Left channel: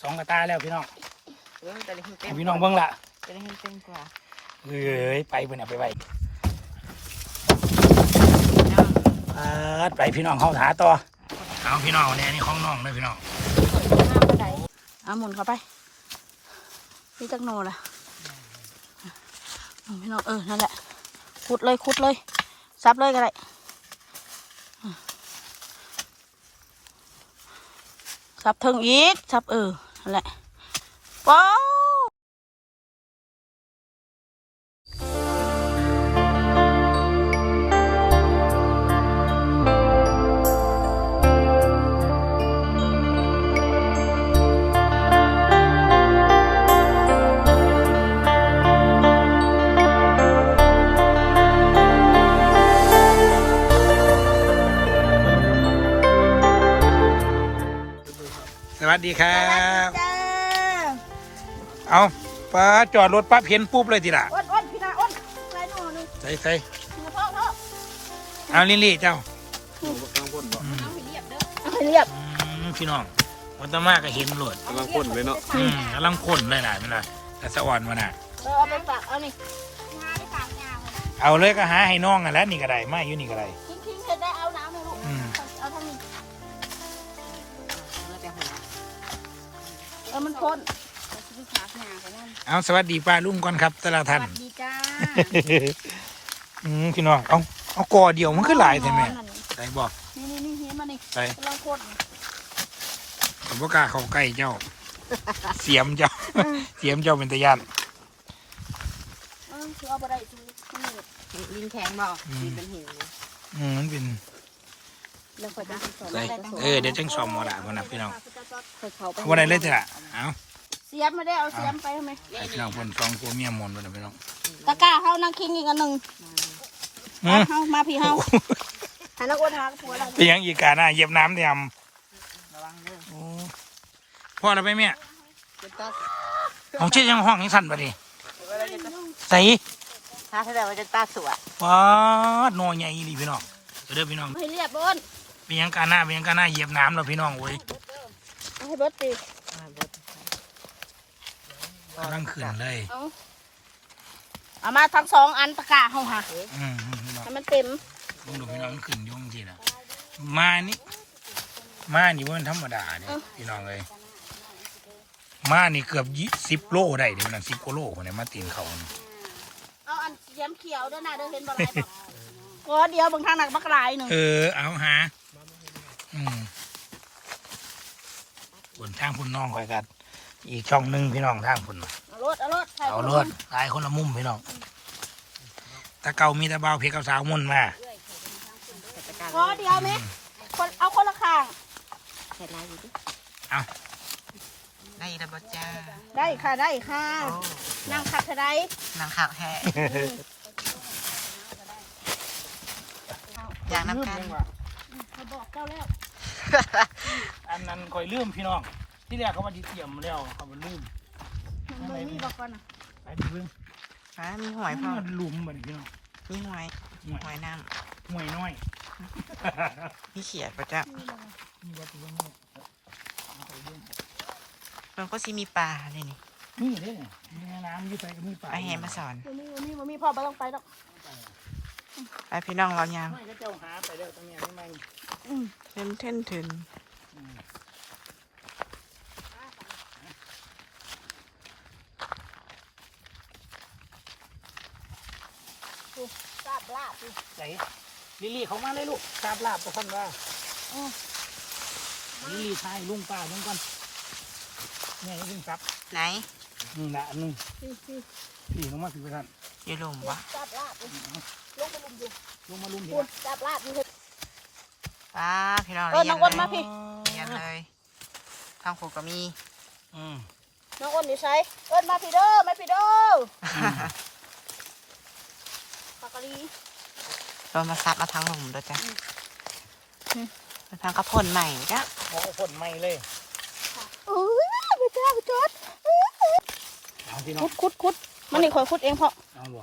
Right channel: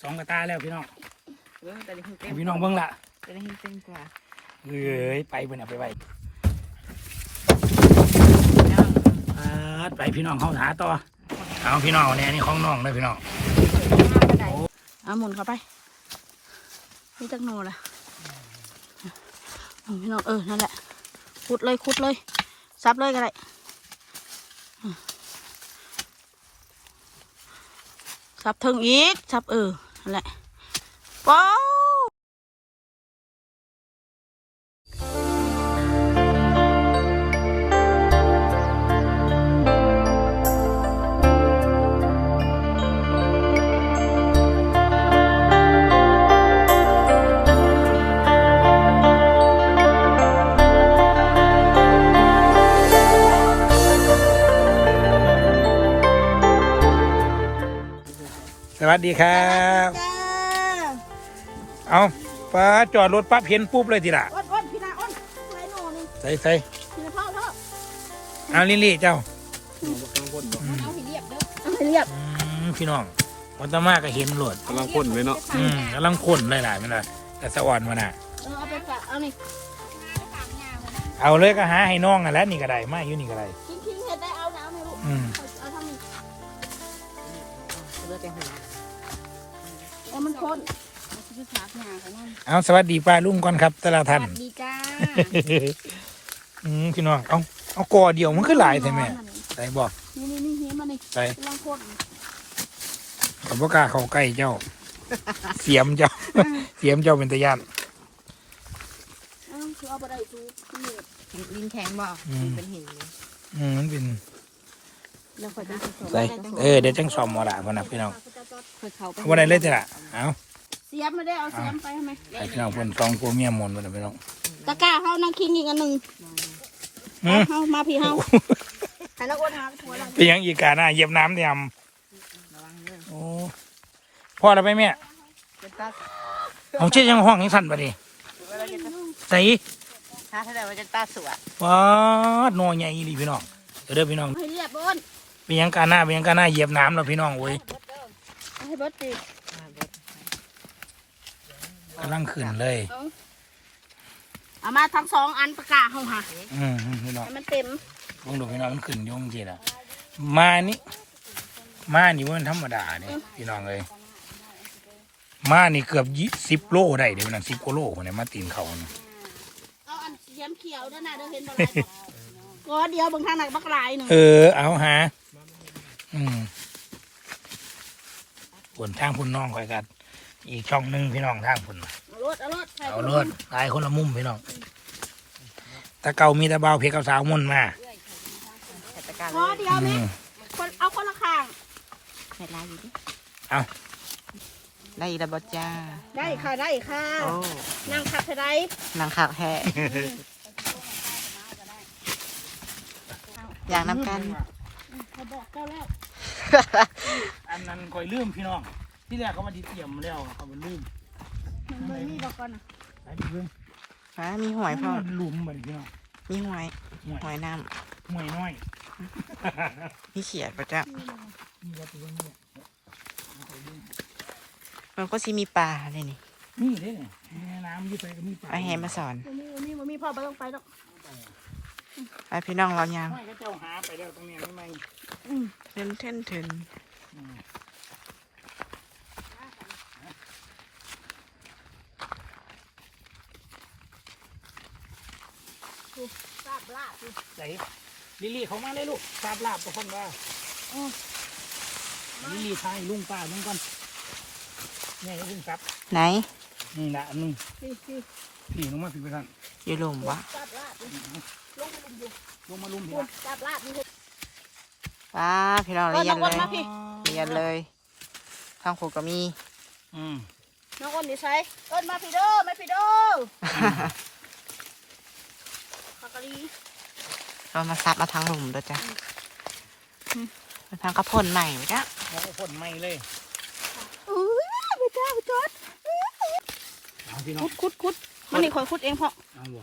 สองกระตาแล้วพี่น้องเลี้ยงแต่ละหินเต็ให้มพี่น้องเบิ่งละแต่ละหินเต็มกว่าเอ้ยไปเพิ่นน่ะไปไปปาดไปพี่น้องเขาหาต่อเอาพี่น้องเนี่ยอันนี้ของน้องเลยพี่น้องเอาหมุนเข้าไป นี่จักโนล่ะอืมพี่น้องเออ นั่นแหละ ขุดเลยขุดเลย ซับเลยก็ได้อืมซับเทิงอีกซับเออนั่น แหละว้าวสวัสดีครับ เอาป้าจอดรถปั๊บเห็นปุ๊บเลยทีละอ้นอ้นพี่นาอ้นไรหนูหนึ่งใส่ใส่พี่นาพ่อพ่อเอาลิลลี่เจ้าเอาให้เรียบเด้อเอาให้เรียบอืมพี่น้องวันตะมาก็เห็นโหลดกำลังพ่นเลยเนาะอืมกำลังข้นหลายๆมันละแต่สะอ่อนมันอะ เออเอาไปฝากเอานี่เอาเลยก็หาให้น้องอะแหล้วนี่ก็ได้มาอยู่นี่ก็ได้ทิ้งทิ้งเสร็จได้เอาน้ำให้ลูกอืมเอาเท่านี้เลือดแต่หัวเออมันข้น เอาชีวิตหาหากันแน่เอาสวัสดีป้าลุงก่อนครับ แต่ละสท่าน วัส ดีจ้าอืมพี่น้องเอาเอากอเดียวมันคือหลายใช่ไหมใส่บอกนี่นี่นี่เห็นมานี่ใส่กำลังข้นขอบกล้าเข้าใกล้เจ้า เสียมเจ้า เสียมเจ้าเป็นตะยาน เออคือเอาไปได้ซูนี่ลิงแข็งบ่อืม เป็นหินอืมมันเป็นแล้วค่อยไปใส่เออเดี๋ยวจังสอมหมอละพอนะพี่น้องค่อยเข้าไปเอาวันไหนเลยจ้ะเอา เสียบไม่ได้เอาเสียบไปทำไมไอ้พี่น้องเพิ่นสองผัวเมียหมนไปนะพี่น้องตะกร้าเขานั่งคิงอีกอันหนึ่งอืมเฮามาพี่เฮาให้นักอ้วนหาหัวเราเป็นหยังอีกาหน้าเหยียบน้ำเตรียมระวังเด้อโอ้พ่อเราไปแม่เจ็บตัดเอาเช็ดยังห้องยังสั่นไปดิใส่ถ้าเขาจะเอาจะตาสวยว้าดนอใหญ่อีหลีพี่น้องเดี๋ยวเด้อพี่น้องให้เรียบอ้นเป็นหยังกาหน้าเป็นหยังกาหน้าเหยียบน้ำแล้วพี่น้องโอ้ยให้เบิดปี กำลังขึ้นเลย เอาเอามาทั้งสองอันตะกร้าเฮาหาอืมอืมพี่น้องให้มันเต็มลองดูพี่น้องมันขึ้นอยุ่จังทีละมานี่มานี่มันธรรมดาเนี่ยพี่น้องเลยมานี่เกือบยี่สิบโลได้เดี๋ยวนั้นสิบกว่าโลคนเนี่ยมาตีนเขาเนี่ยเอาอันเสียมเขียวเด้อนะเด้อเห็นบ่ไรดอกก็เดียวบางทางหนักบักหลายหนึ่งเออ เอาหา อืมบนทางพุ่นน้องคอยกัน อีกช่องหนึ่งพี่น้องทางพุ่นเอารถเอารถใส่เอารถหลายคนละมุมพี่น้องแตะเก่ามีแตะเบาวเพกกับสาวมุ่นมาก็เดียวอืนี่มคนเอาคนละข้างเห็นไรอยู่ดิเอาได้อีระบจ้าได้ค่ะได้ค่ะโอ้นั่งขับเท่าไรนางขาวแห่อยากนำกันเขาบอกเจ้าแล้ว อันนั้นคอยลืมพี่น้อง ที่แรกเขามาดีเตรียมแล้วเขามาลืมมันเบอร์นี่บอกก่อนนะไปไปเบิ่งอ่ามีหอยพ่อมันหลุมเหมือนพี่น้องมีหอยห่วยหอยน้ห่วยน้อยำมีเขียดปะจ้านี่ว่าตัวนี้มันก็สิมีปลาเลยนี่นี่เด้เนี่ยมีแม่น้ำอยี่ไปก็มีปลาเอาแหมาสอนมันมีมันมีมันมีพ่อไม่ต้องไปหรอกไปพี่น้องเรายางไม่ก็เจ้าหาไปแล้วตรงนี้ไม่ไม่อืมเทินเทินเทิน ทราบลาบสิใส่ลิลลี่เขามาเลยลูกทราบลาบประคันว่าลิลลี่ทายลุงป้าลุงก่อนเนี่ยลุงครับไหนนี่นะอันนี้สิสิพี่ลุงมาสิไปท่านอยู่หลุมวะทราบลาบสิลงไปลุมอยู่ลุงมาลุงคุเห็ณทราบลาบนี่ป้าพี่น้องเรียนเลยมาพี่เรียนเลยทางครูก็มีอืมน้องอ้นนี่ใช้เอิ้นมาพี่เด้อไม่พี่เด้อปากกะลี เรามาซับมาทางหลุมด้วยจ้ะมาทางกระพ่นใหม่จ้ะเขาก็พ่นไม่เลยเออไปจ้าไปจอดเอาพี่น้องคุดคุดคุดมันนี่ขอคุดเองเพราะเอาบ่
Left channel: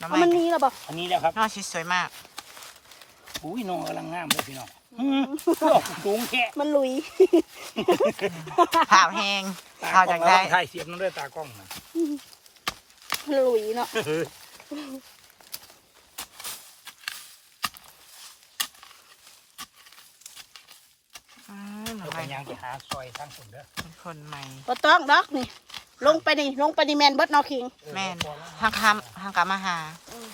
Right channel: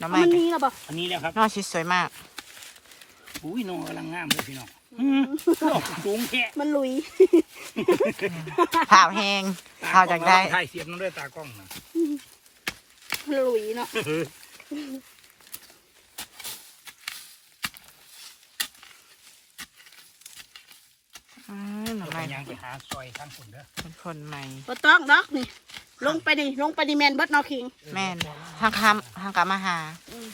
น้ำใหม่มันมีแล้วบอกอันนี้แล้วครับนอกชิดสวยมากโอุ้ยน้องกำลังงามเลยพี่น้องอืมออกสูงแค่มันลุยข่าวแห้งข่าวจากได้ถ่ายเสียงด้วยตากล้องนะมันลุยเนาะ หน่อไปไม้ยังไปหาซอยทั้งสุดเด้อเป็นคนใหม่บ่ต้องดอกนี่ ลงไปนี่ลงไปนี่แมนเบิดเนาะคิงแม่นทางคำทางกามาหาอืม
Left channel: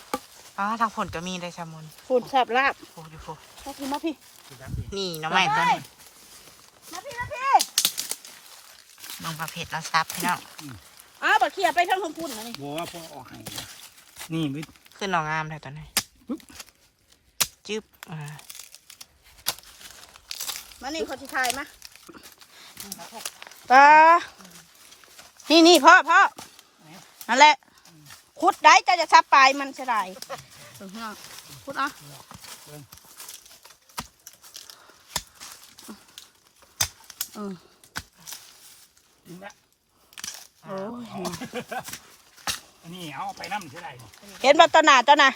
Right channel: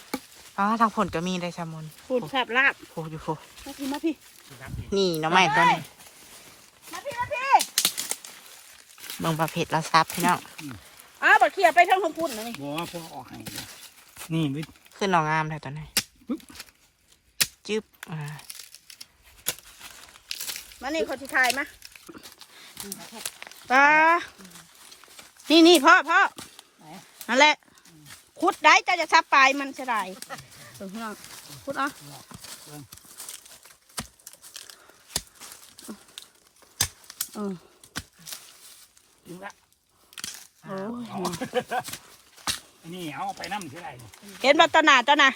อ๋อทางผลก็มีได้ชะมนฝุ่นแซ่บลาบโอ้อยู่โฟมาพี่มาพี่ นี่หน่อไม้ตัวนี้มาพี่มาพี่เบิ่งประเภทเราซับพี่น้องอ้าวบัดเขียไปทางของปุ่นนี่บอกว่าพ่อออกให้นะนี่วิขึ้นหน่องามเลยตัวนี้จึ๊บอ่า มานี่คนที่ถ่ายมาตานี่นี่พ่อพ่อนั่นแหละขุดได้จะจะซับปลายมันจะได้เออพี่น้องขุดเอะเออถึงละโอ้ยอันนี้เอาไปน้ำเท่าไหร่เห็นบ่ตอนหนาตอนน่ะ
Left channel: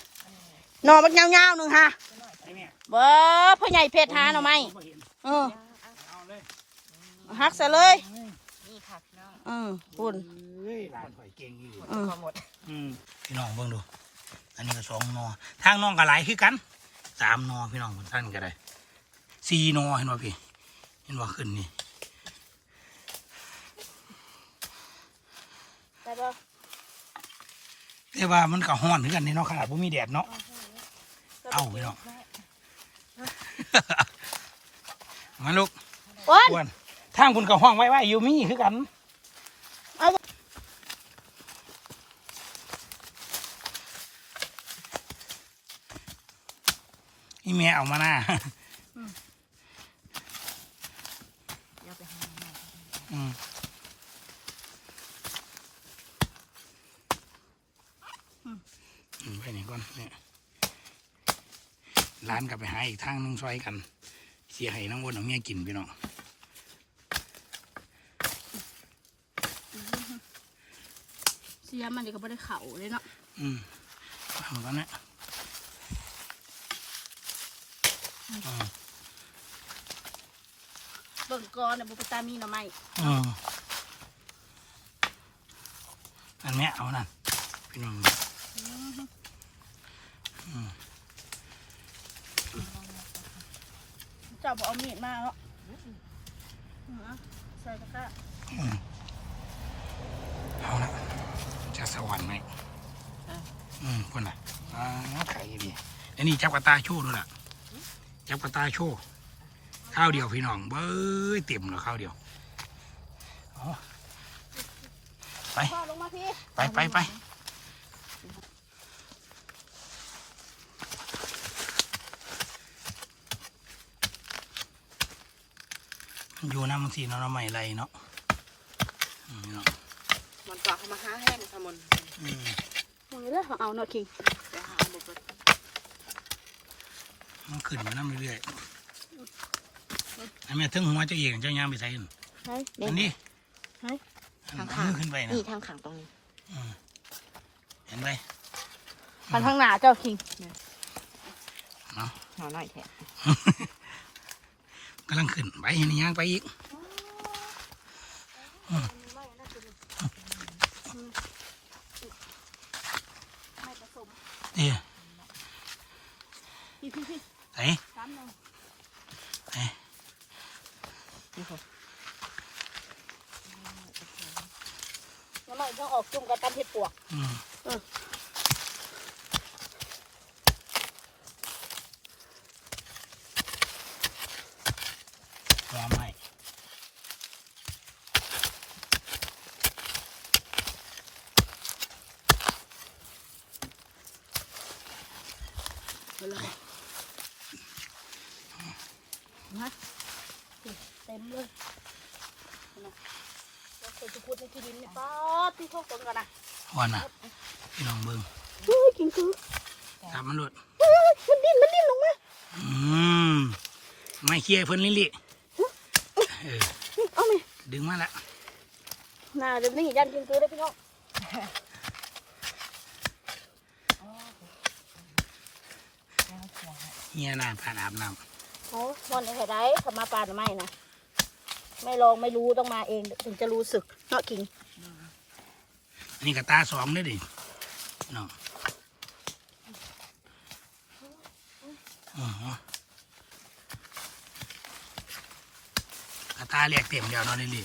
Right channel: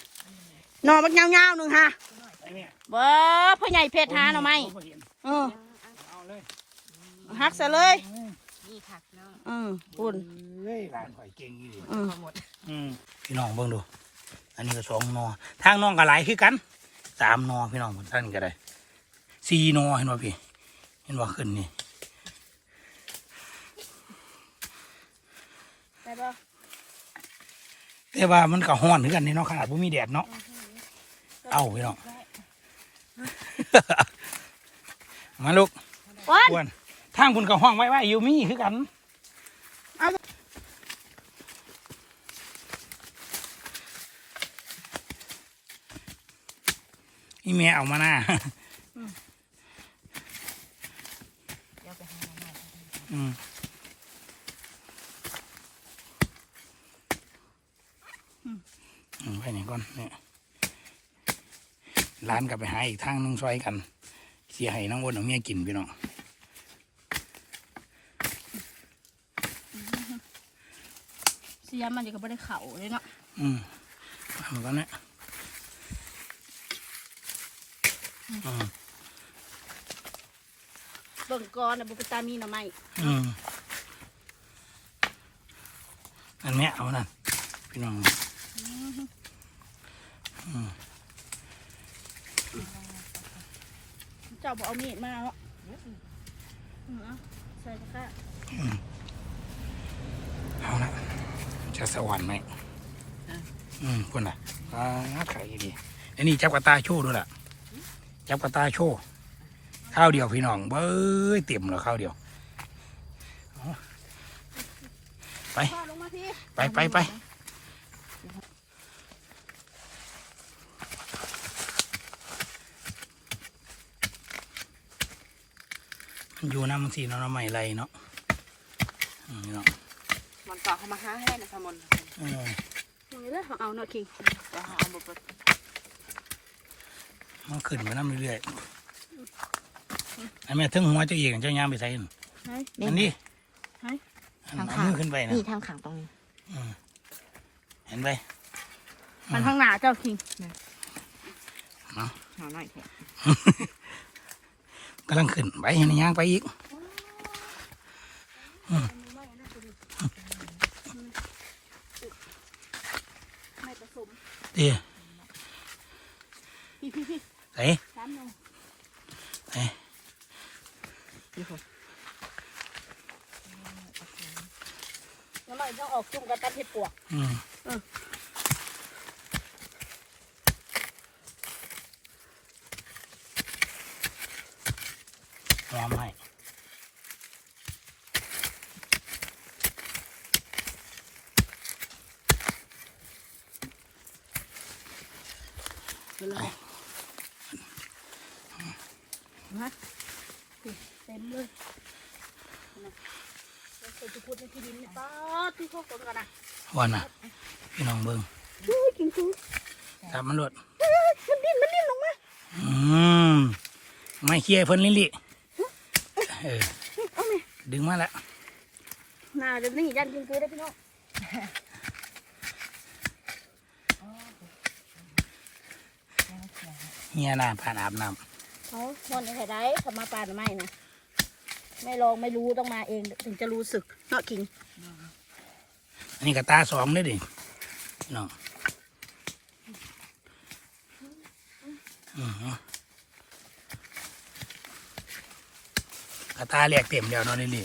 หน่อมันยาวๆหนึ่งฮะไอ้ เนี่ยเบ้อพ่อใหญ่เพชรหาหน่อไม้บ่เห็นเออเอาเลยหักซะเลยนี่ค่ะพี่น้องอืมปุ่นเฮ้ยหลานข่อยเก่งอีหลีอืมหมดอืมพี่น้องเบิ่งดู อันนี้ก็สองนอทางน้องก็หลายคือกันสามนอพี่น้องท่านก็ได้สี่นอเห็นบ่พี่เห็นบ่ขึ้นนี่ได้บ่แต่ว่ามันก็ฮ้อนคือกันนี่เนาะขนาดบ่มีแดดเนาะเอาพี่น้อง มาลูกอ้วนอ้วนทางคุณก็ห้องไว้ไว้อยู่มีคือกันเอาอีเมียเอามาหน้าอืมอืมไปไหนก่อนเนี่ย ร้านกลับไปหาอีกทางหนึงซอยกัน เสียให้น้องวนเอาเมียกินพี่น้องเสียมันเดี๋ยวก็ไม่ได้เข่าเลยเนาะอืมทำกันเนี่ยอืมเบิ่งก่อนนะบุกตามีหน่อไม้อืมอันเนี้ยเอานั่นพี่น้องอืม เจ้า บอกเอามีดมาเนาะอืมเอาใส่ตะกร้าอืมเอาละจะสวรรค์ไหมอืมคนน่ะอ่าไข่ดีอันนี้จับกระตาโชว์ด้วยล่ะ จับกระตาโชว์ข้าวเดียวพี่น้องเบ้ยเต็มแล้วข้าวเดียวเอาไปพ่อลงมาพี่ไป ไปไป อยู่น้ำมันสีเนาะน้ำใหม่ไรเนาะอืมเนาะมันต่อเข้ามาหาให้ชะมนอืมโอ้ยแล้วเอาเนาะคิงมันขึ้นมาน้ำเรื่อยๆไอ้แม่ถึงหัวเจ้าเองเจ้ายามไปใส่นั่นใช่อันนี้ไหนอันเอามือขึ้นไปนะนี่ทางขังตรงนี้อืมเห็นไหมมันข้างหน้าเจ้าคิงเนาะหน่อหน่อยแท้ กำลังขึ้นไปเห็นย่างไปอีกไม่ผสมเดี๋ยวพี่พี่พี่ไอ้สามหนึ่งไอ้นี่ค่ะแล้วเราต้องออกจุ่มกับตันเห็ดปวกอืม อืม หอมไหม ไปเลย นะเต็มเลยนะเราเคยจะพูดในที่ดินนี่ป๊อดที่เขาคนกันนะวันน่ะพี่น้องเบิ้งเฮ้ยกินคือจับมันโดดเฮ้ยมันดิ้นมันดิ้นลงมาอืมไม่เคลียร์เพิ่นลิลิเออเอาเลยดึงมาละน่าเดี๋ยวนี้ยันกินคือได้พี่น้องเฮียหน้าผ่านอาบน้โอ้มันอะไรได้ทำมาปลาหรือไม่นะ ไม่ลองไม่รู้ต้องมาเองถึงจะรู้สึกเนาะกิงำอันนี้ก็ตาสองเลยดิพี่น้องอ๋อกระตาแหลกเต็มแล้วเนาะนี่ลิ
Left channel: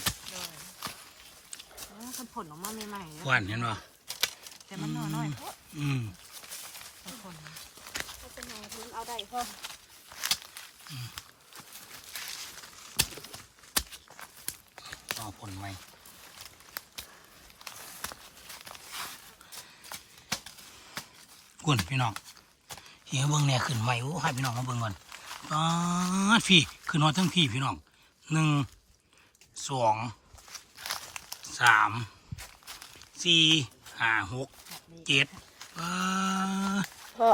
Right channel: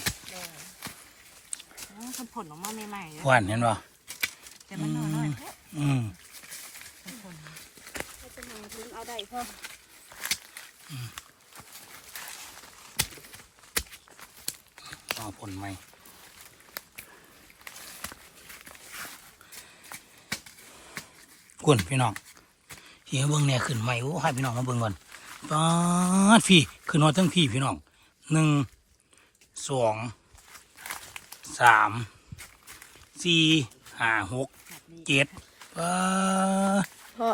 มันผลออกมาใหม่ๆหวานเห็นป่แต่มันน้อยๆเพราะอืมมันผลเขาจะมาทิ้งเอาได้พ่อ เอาผลไหมกุนพี่น้องเฮียเบิ้งเนี่ยขึ้นใหม่โอ้ให้พี่น้องมาเบิ้งก่อนปาดพี่ขึ้นมาทั้งพี่พี่น้องหนึ่งสองสามสี่ห้าหกเจ็ดปาดพ่อ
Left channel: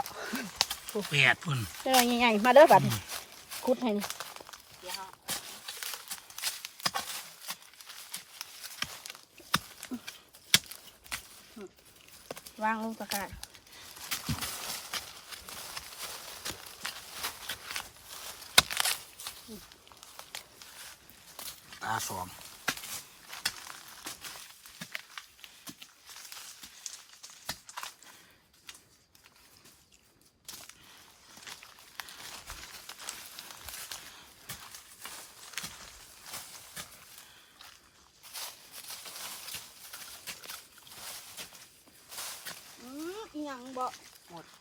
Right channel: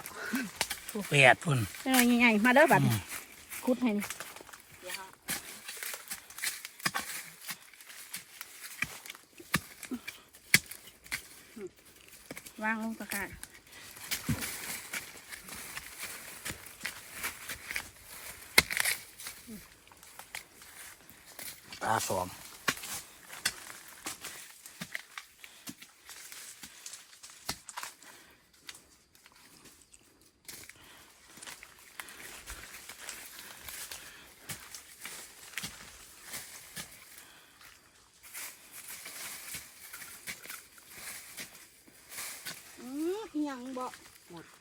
แปดพุ่นเด้อใหญ่ๆมาเด้อบัดนี้ คุดให้นี่วางลงตะกร้าตาสองอืมอิหยังบ่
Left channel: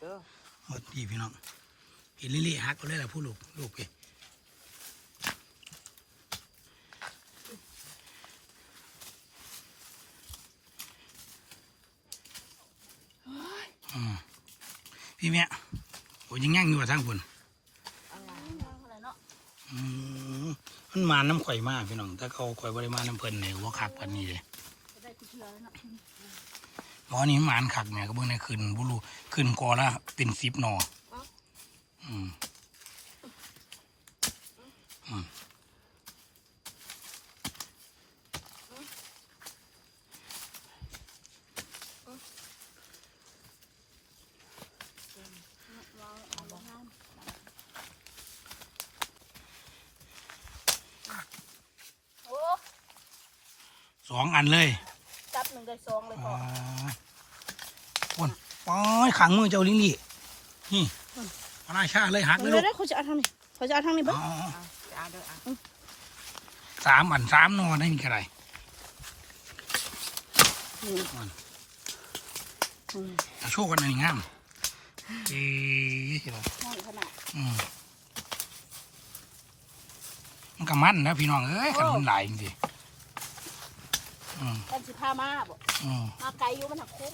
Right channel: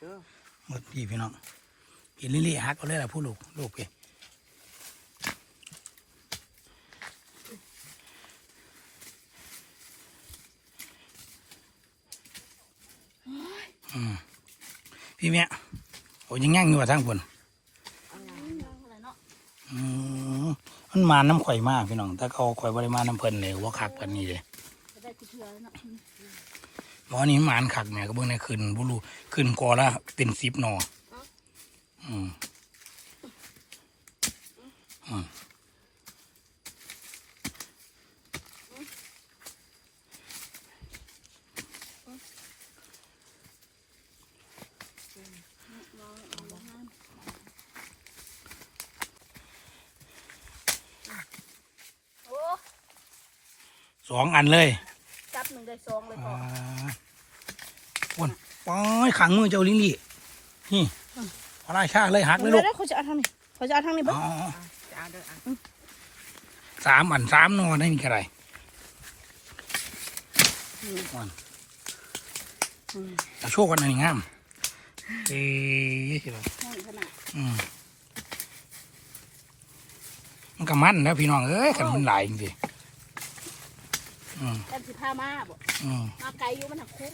หมดเด้อหมดพี่พี่น้องพี่ลิลี่ฮักเอาเลยล่ะผู้ลูกลูกพี่อืมพี่เมียโอ้ยังย่างอยู่ว่าทั้งคนอะไรเนาะอืมมันมาน้ำข่อยมากพี่น้อง ถ้าเขาข่อยบริมาน้ำเพลินเลยว่าคักกันนี่เลย จะได้ทุกเทือแล้วเนาะเพราะอันนี้หมานคักเนี่ยก็เบิ่งในขึ้นบุรูขึ้นกอละเป็นสิบหนออืมอืมโอ้สองอันเลย จับหนึ่งได้สองเลยพ่อ คนป้อยขังมือเจ้าลิงลี่นี่พระราชาเลยหักเลยลูกเขาจะเอาทางนี้เขาจะเอาทางนี้อ๋บ่ออะจะเอาเด้ออะสามอันสามหนอได้นี่กระไรนี่อ่อนอืมเอาโชคกันอันนี้งามเอ๊ะสิล่ะห้อยขนาดอืมมันก็มันนะพี่น้องเอ้ยกันมันหลายจริงๆอืมกันสิพามาบ่อืมมาไกลอยู่มันหักโค้ง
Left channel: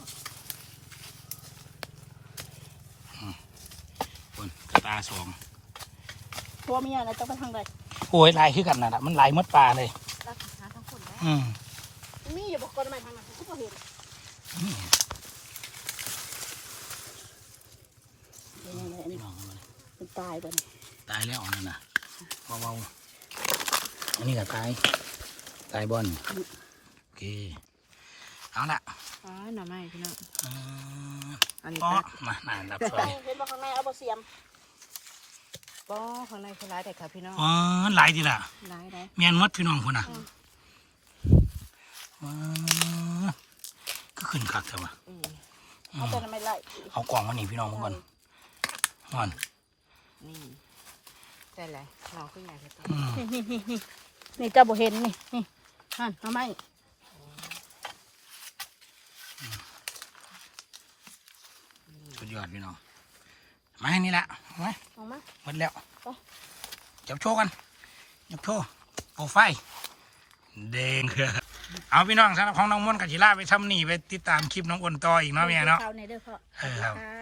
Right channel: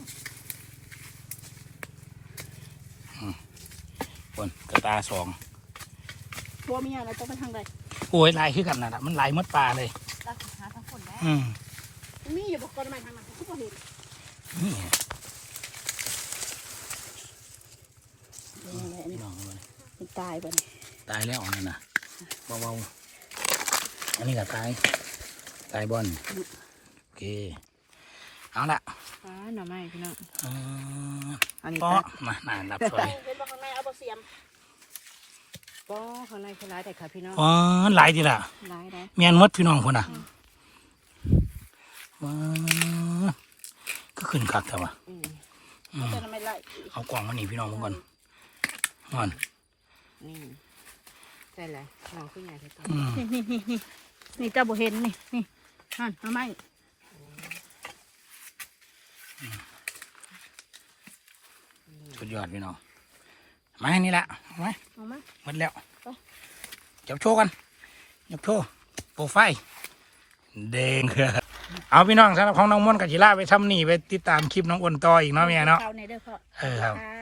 คนกระ ตาสองตัวเมียนะต้องไปทางใดโอ้ยลายคือกันนะล่ะมันลายหมดปลาเลยแล้วหาทั้งผลได้อืมมีอย่าบอกคนใหม่ทางนั้นเขาบ่เห็นนี่นี่พี่น้องเอามาเลยมันตายไปนี่ตายแล้วอันนั่นนะเบาๆอันนี้ก็ตายตายบอลโอเคเอาละอ๋อหน่อไม้พี่น้องเอออันนี้ปอก็มาหนานรับซอยเห็น บอกข้างในเอาบ่เสียมป้อข้างในคือร้ายแต่ค่ะพี่น้องอ๋อหลายทีละร้ายได้เมียนหมดพี่น้องคนน่ะว้าก็ขึ้นคักแต่ว่าอืมอืมจะไม่ไล่เอากล่องมาหนีพี่น้องมาก่อนก่อนนี่ใช่เลยน้องขึ้นใหญ่แค่ตัวอืมนี่นี่นี่นี่นี่เจ้าบ่เห็นนี่นี่นั่นทำไมสุดยอดพี่น้อง มาให้นี่แหละเอาไว้เอามาหมดแล้วจับโชว์กันจับโชว์โปรไฟล์แดงเอาพี่น้องสำหรับของน้องม่อนกับจิล่าไปทำนี่ไปติดตามคลิปน้องอ้นต่ออีกเนาะเมียเนาะเข้าในเด้อพ่อเออครับค่ะ